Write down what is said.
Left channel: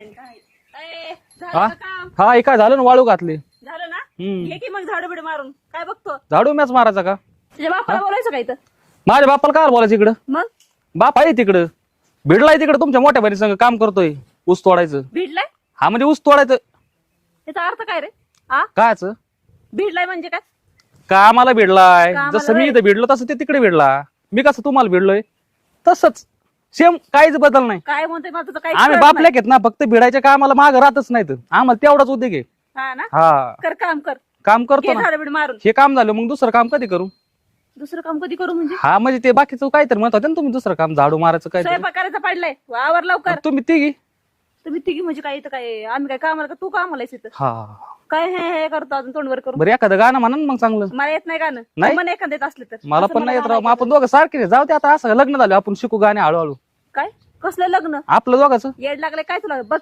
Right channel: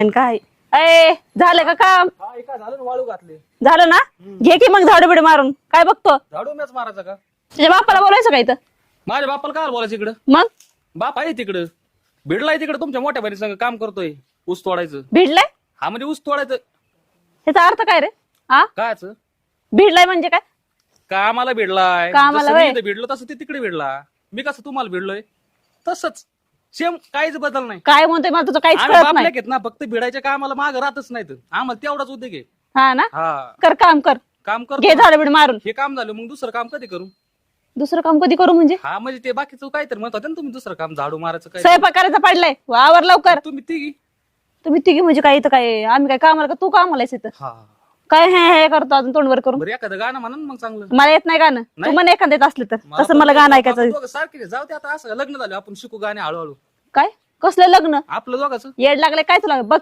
आणि काय झालं का काम? हा हे काय झालं ना, वाळू घातली. झालं ना? घे की मग झाडू बिडू मारून. काय बघतो? झाडू मॅच मारायचा का? तुझ्या बापाला बोलायचं का इथं? माझ्या बापाला काय बोलायचं इकडं? मग बाप आहे तिकडं, भिडलाय तिकडं तुमच्या मोठ्या बहिणी संग काम करतोय ऊस तोडायचं. भिडलाय? हा म्हणजे ऊस तोडायचं. त्याचा अर्थ काय रे? हा, काच भिडलाय म्हणजे काय? कामाला भिडलाय. कामाला जसं मी व्हय. इथं भिडलो तसं ते तिकडे भिडला. मी कसं तुम्हाला भिडलोय तसंच सेम, काहीच बदल नाही. काय म्हणतोय मला तुझं काहीच आम्ही कळत बापले नाही. घेत ना, फक्त भिडायच्या कामाला माग राहतच नाहीत. आम्हाला तेवढाच उद्योग आहे. हा ना? हा कर काम कर. काम घे करतो ना. झाडू बिडू मारून. हे काम झालं मग दुसरं काम कधी करू? दुसरं काम कधी करू म्हणजे? हा म्हणजे ते बाकीचं काहीतरी म्हणत होते ना तुम्ही, दुसरं काम झाडू मारायचं काय. स्वयंपाक करायचा पडलाय, आवर लवकर. तुम्ही तिघी. तुम्ही तिघी म्हणजे काय इथं काय? आम्ही काय कामाला का? तू कामाला आहेस इथं? हा काय हे करतो अजून तोंडवर करून? बरं एखादं गाणं म्हणा ना मग चांगलं. मला येत नाही गाणं. नाही? मला एखादं येत असलं तर मला असं पण मला नाही गाणं येत. आपण ऐकायचं. दोघं सारखे नाही. जाऊ दे आता, असं लग्न झालं आपण शिकू गाणे हळूहळू. काय कसलं लग्न? आपलं दोघांचं येड लागले काय तुला? बघ